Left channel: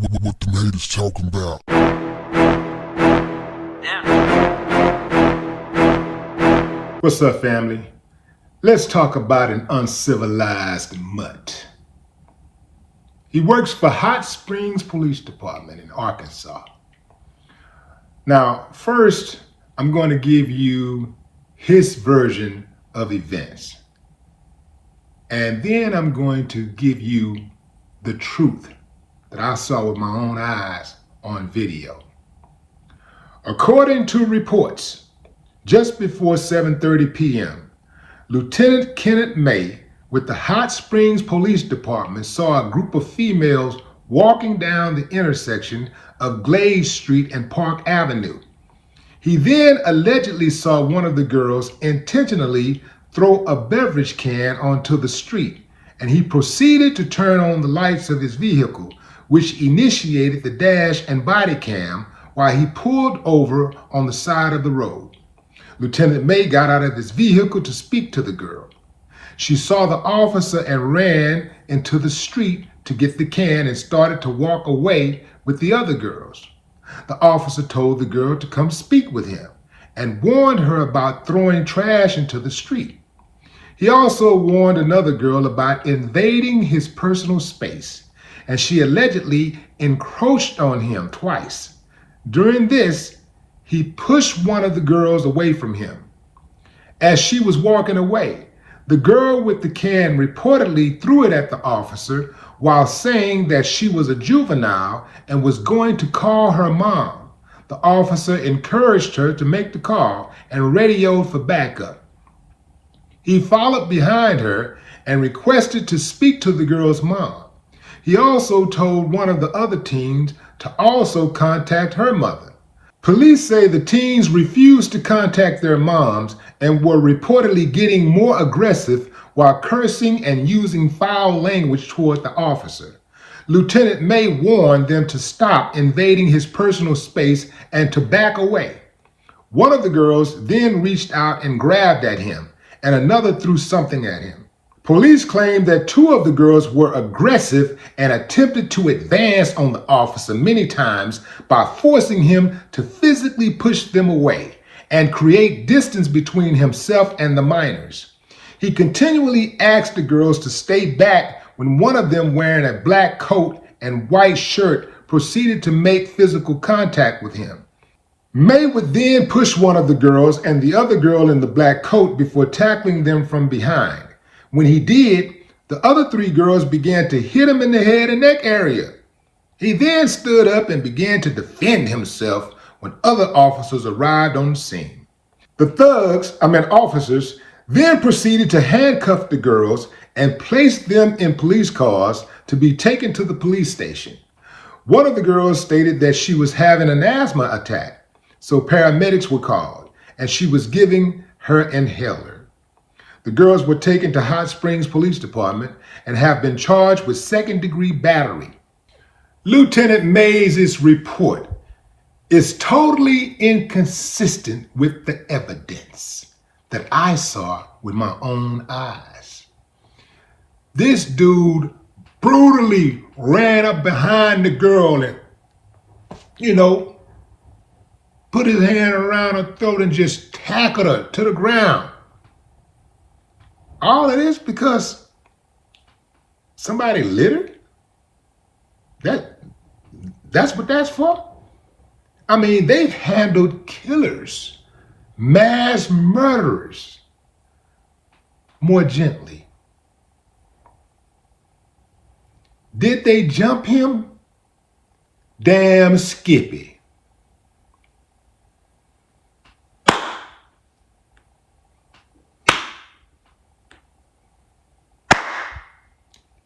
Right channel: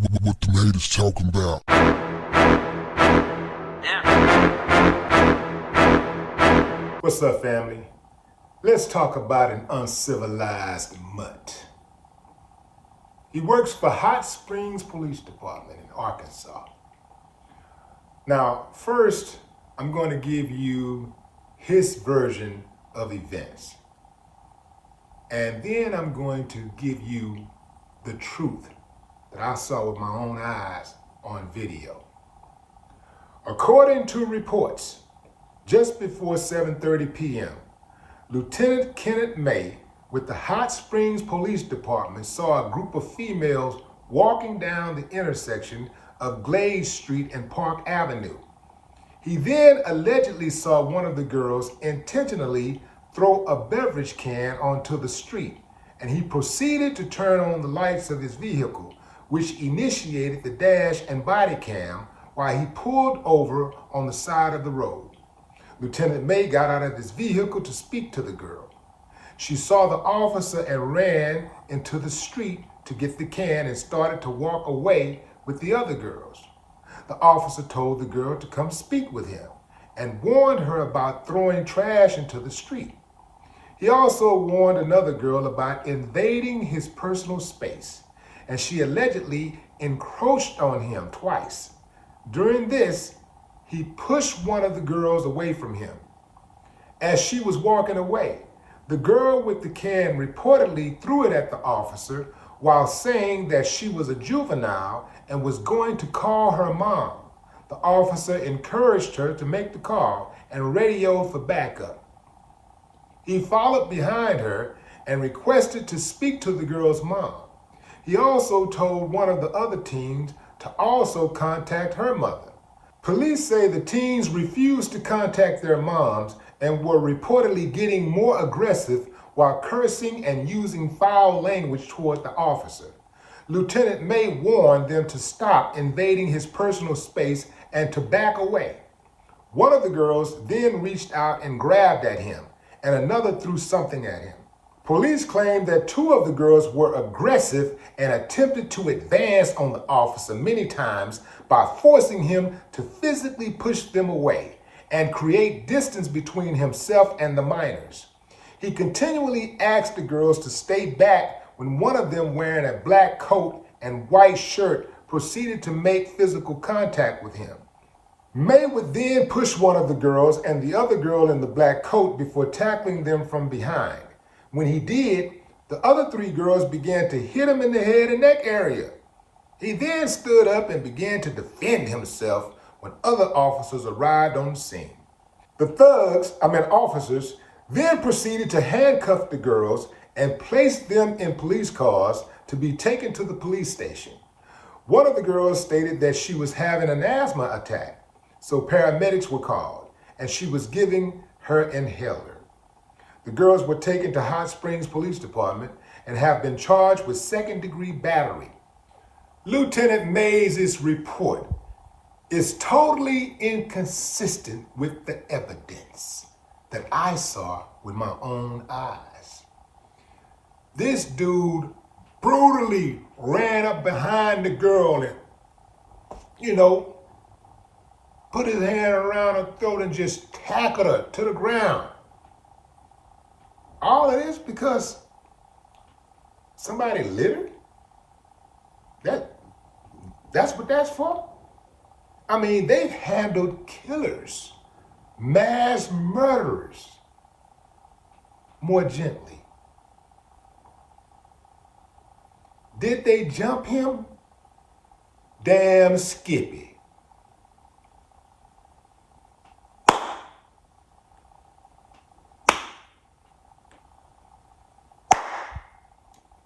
What the haters talking about? What's up, family? Let's talk about an uncivilized mutt. He works for Hot Springs Police Department in Arkansas. Now, first, I'm going to give you his version of events. And then I'm going to give you the truth that I saw with my own eyes on video. According to reports, just before 7:30 p.m., Lieutenant Kenneth May with the Hot Springs Police Department saw a group of females walking down the intersection of Glade Street and Park Avenue. He then allegedly saw one of the girls intentionally throw a beverage can onto the street, and he proceeded to turn on the lights of his vehicle, which initiated the dash and body cam while he pulled over on the side of the road. Lieutenant May got out of his vehicle to speak to the girl. She saw the officer and ran into the street to get the can and started to walk away with the other girls. The officer told the girl to come speak with him and warned her about throwing trash into the street. He also warned another girl about invading his personal space, and she allegedly encroached on him twice. During this, he pushed one of the girls away from him. As she was walking away, the girl with the can reportedly threw it at the officer while saying that she was a juvenile and was going to call her mom. The officer encouraged her to make the call and radioed for backup. He followed behind her and requested to speak to the girl's mom. He also told one of the other teens to also contact her mother. Police say the teens refused to contact their moms and were reportedly getting more aggressive while cursing and using foul language toward the officer. Lieutenant May warned them to stop invading his personal space and to back away. One of the girls then reached out and grabbed at him, and another threw something at him. Police claimed that two of the girls were aggressive and attempted to advance on the officer many times by forcing him to physically push them away and create distance between himself and the minors. He continually asked the girls to stay back when one of them, wearing a black coat and white shirt, proceeded to make physical contact with him. May would then push one of the girls and the other girl in the black coat before tackling them from behind. When he did, the other three girls began to hit him in the head and neck area. He then stood up and began to defend himself when other officers arrived on the scene. The officers, then proceeded to handcuff the girls and place them in police cars to be taken to the police station. One of the girls stated that she was having an asthma attack, so paramedics were called, and she was giving her inhaler. The girls were taken to Hot Springs Police Department and have been charged with second-degree battery. Lieutenant Mays' report is totally inconsistent with the evidence that I saw with my own eyes. This dude brutally ran up behind the girl and, put his hand around her throat and just tackled her to the ground. All of this because somebody littered? That's what that's for? I mean, they've handled killers, mass murderers, more gently. Did they jump him? Damn Skippy.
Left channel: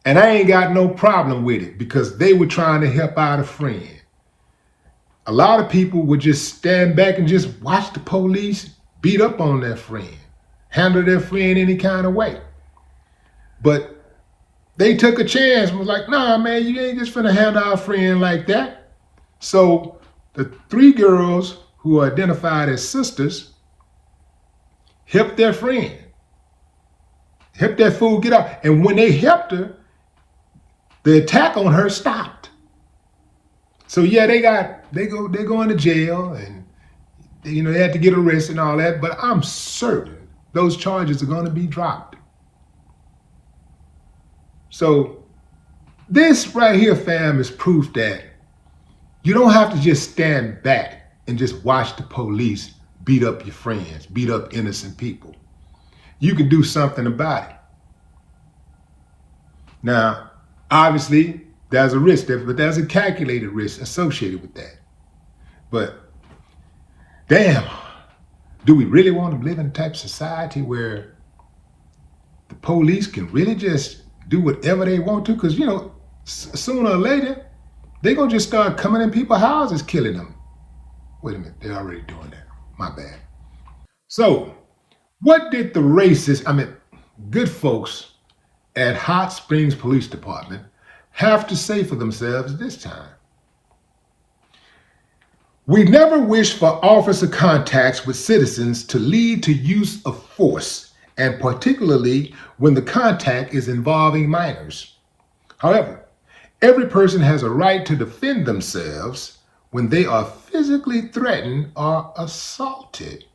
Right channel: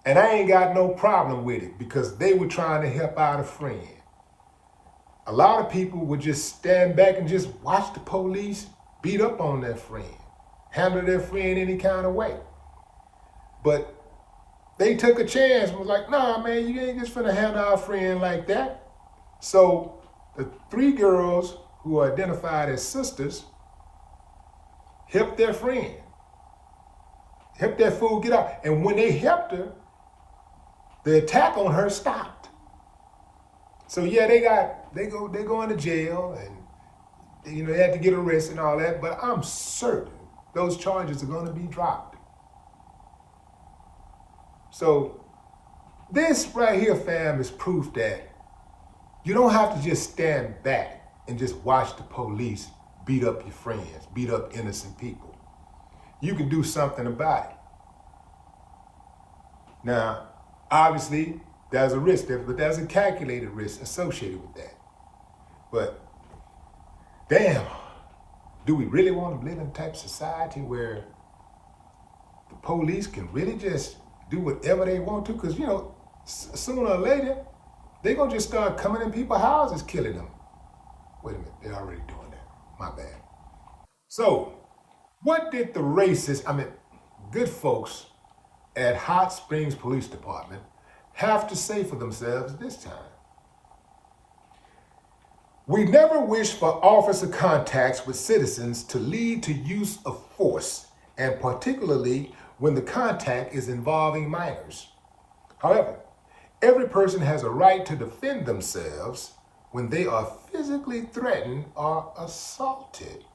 And I ain't got no problem with it because they were trying to help out a friend. A lot of people would just stand back and just watch the police beat up on their friend, handle their friend any kind of way. But they took a chance and was like, nah, man, you ain't just finna handle our friend like that. So the three girls who are identified as sisters helped their friend, helped that fool get out. And when they helped her, the attack on her stopped. So yeah, they go into jail, and they had to get arrested and all that, but I'm certain those charges are going to be dropped. So this right here, fam, is proof that you don't have to just stand back and just watch the police beat up your friends, beat up innocent people. You can do something about it. Now, obviously, there's a risk there, but there's a calculated risk associated with that. But damn, do we really want to live in a type of society where the police can really just do whatever they want to? Because, sooner or later, they're going to just start coming in people's houses, killing them. Wait a minute, they're already doing that. My bad. So, what did the good folks at Hot Springs Police Department have to say for themselves this time? We never wish for officer contacts with citizens to lead to use of force, and particularly when the contact is involving minors. However, every person has a right to defend themselves when they are physically threatened or assaulted.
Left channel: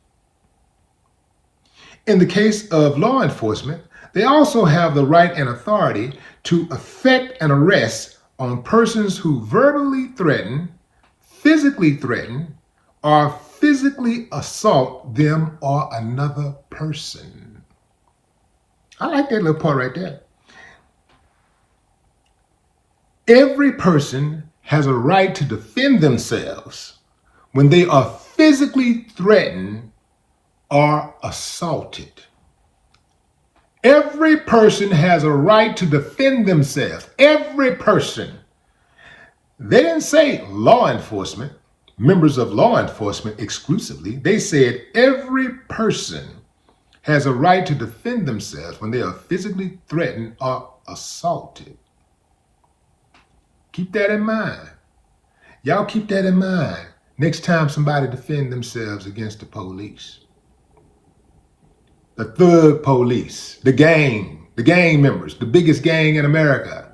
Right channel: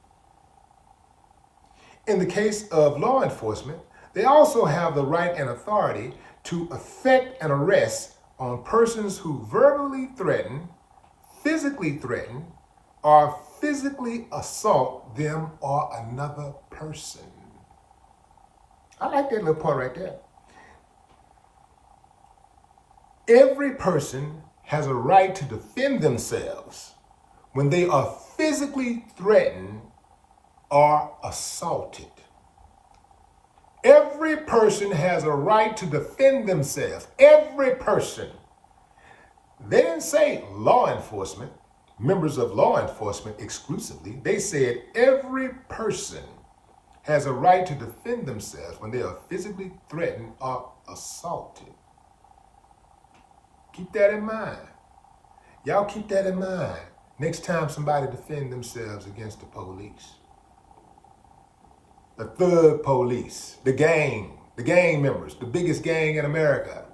In the case of law enforcement, they also have the right and authority to effect an arrest on persons who verbally threaten, physically threaten, or physically assault them or another person. I like that little part right there. Every person has a right to defend themselves when they are physically threatened or assaulted. Every person has a right to defend themselves. Every person. They didn't say law enforcement, members of law enforcement exclusively. They said every person has a right to defend themselves when they are physically threatened or assaulted. Keep that in mind. Y'all keep that in mind next time somebody defend themselves against the police. The thug police, the gang members, the biggest gang in America.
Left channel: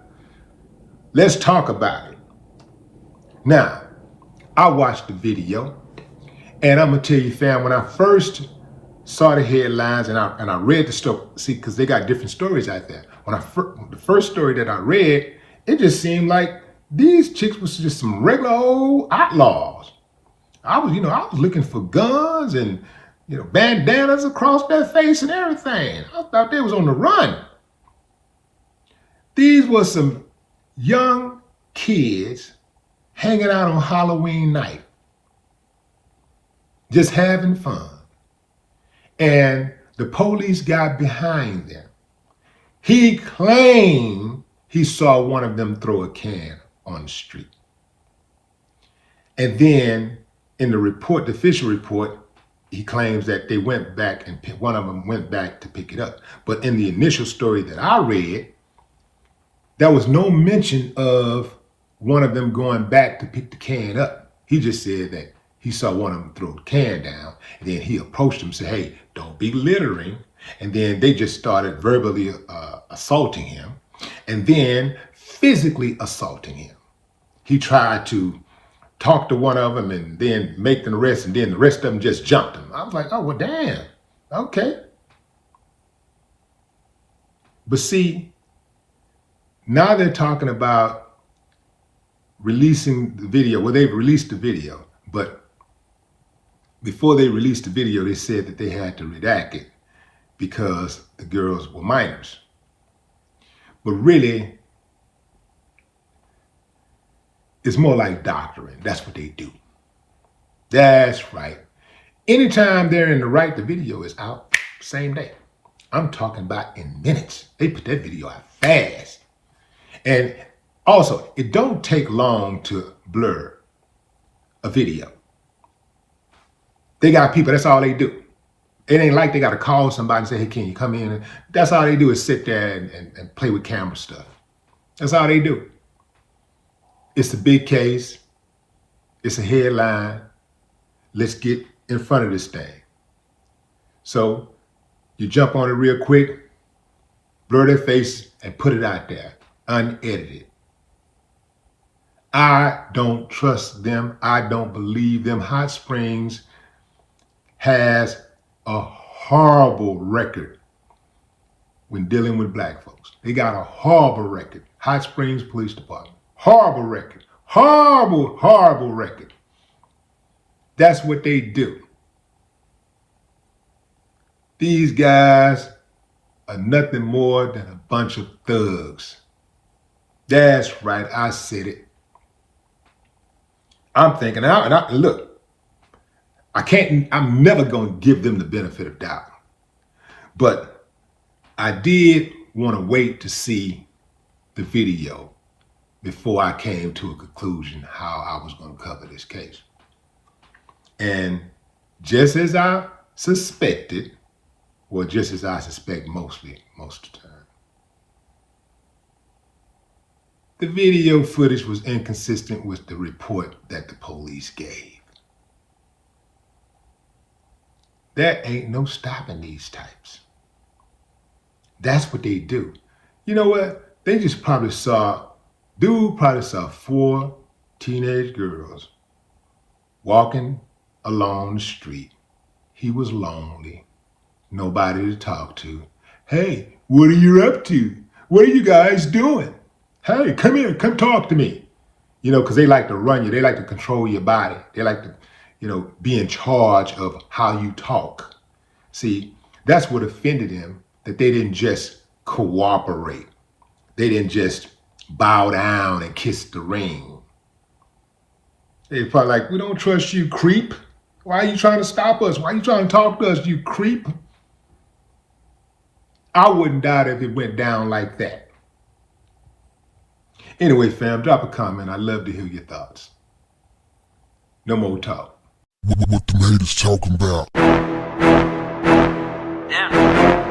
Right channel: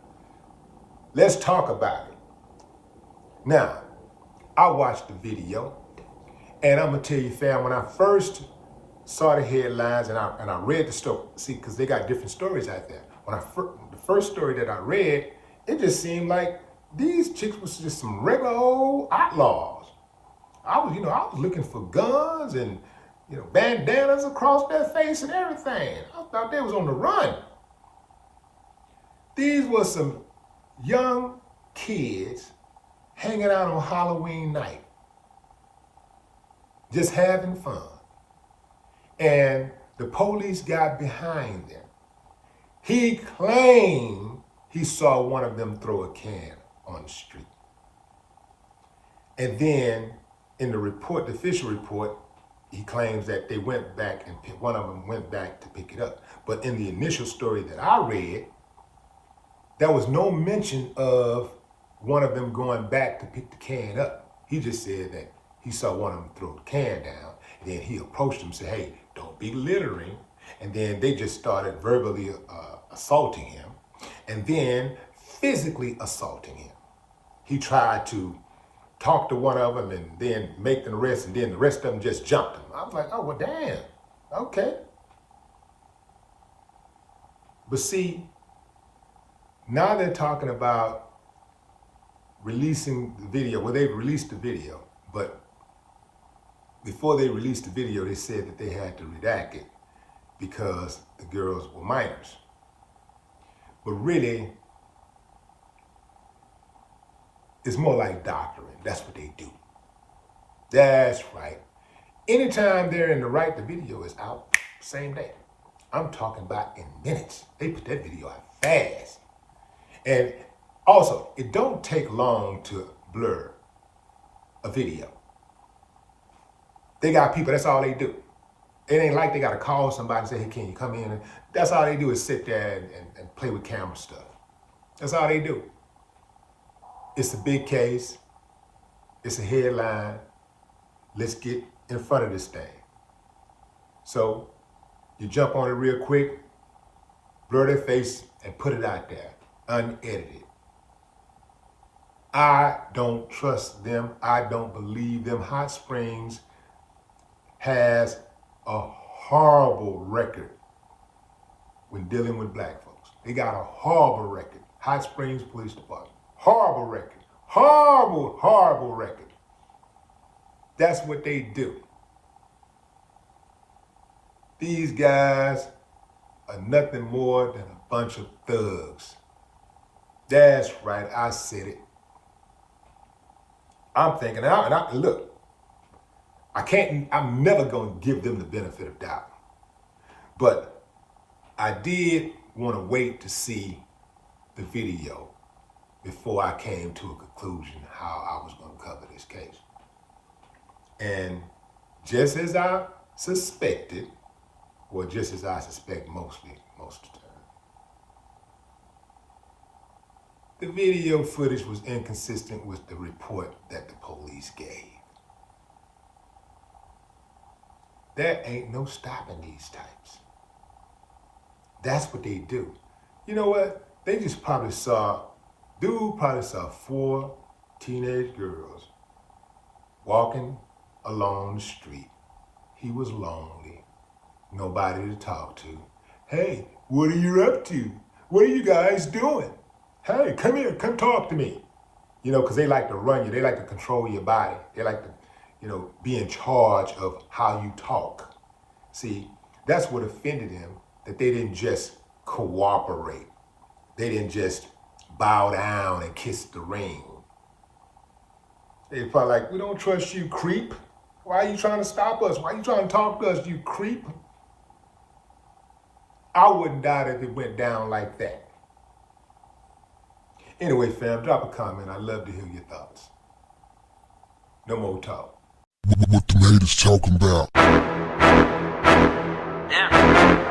Let's talk about it. Now, I watched the video, and I'm gonna tell you, fam, when I first saw the headlines and I read the story, because they got different stories out there. The first story that I read, it just seemed like these chicks was just some regular old outlaws. I was looking for guns and bandanas across their face and everything. I thought they was on the run. These were some young kids hanging out on Halloween night, just having fun. And the police got behind them. He claimed he saw one of them throw a can on the street. And then in the report, the official report, he claims that they went back and one of them went back to pick it up. But in the initial story that I read, there was no mention of one of them going back to pick the can up. He just said that he saw one of them throw the can down, and then he approached him and said, hey, don't be littering. And then they just started verbally assaulting him, and then physically assaulting him. He tried to talk to one of them and then make them arrest, and then the rest of them just jumped him. I was like, oh, well, damn, okay. But see, now they're talking about releasing the video. Well, they've released the video, but before they released the video, they said that they had to redact it because the girls were minors. But really, it's more like doctoring. That's what they do. That's right. Anytime they're in the right, the video is out same day. I'm talking about in minutes. They put that video out fast. And also, it don't take long to blur a video. They got people, that's all they do. It ain't like they got to call somebody and say, hey, can you come in? That's all they do is sit there and play with camera stuff. That's all they do. It's a big case. It's a headline. Let's get in front of this thing. So you jump on it real quick, blur their face, and put it out there, unedited. I don't trust them. I don't believe them. Hot Springs has a horrible record when dealing with black folks. They got a horrible record. Hot Springs Police Department. Horrible record. Horrible, horrible record. That's what they do. These guys are nothing more than a bunch of thugs. That's right, I said it. I'm thinking, look, I'm never going to give them the benefit of doubt. But I did want to wait to see the video before I came to a conclusion how I was going to cover this case. And just as I suspected, or just as I suspect most of the time, the video footage was inconsistent with the report that the police gave. There ain't no stopping these types. That's what they do. You know what? They just probably saw 4 teenage girls walking along the street. He was lonely, nobody to talk to. Hey, what are you up to? What are you guys doing? Hey, come here, come talk to me. You know, because they like to run you. They like to control your body. They like to, be in charge of how you talk. See, that's what offended him, that they didn't just cooperate. They didn't just bow down and kiss the ring. They probably like, we don't trust you, creep. Why are you trying to stop us? Why are you trying to talk to us, you creep? I wouldn't doubt if it went down like that. Anyway, fam, drop a comment. I'd love to hear your thoughts. No more talk. What the haters talking about? Damn.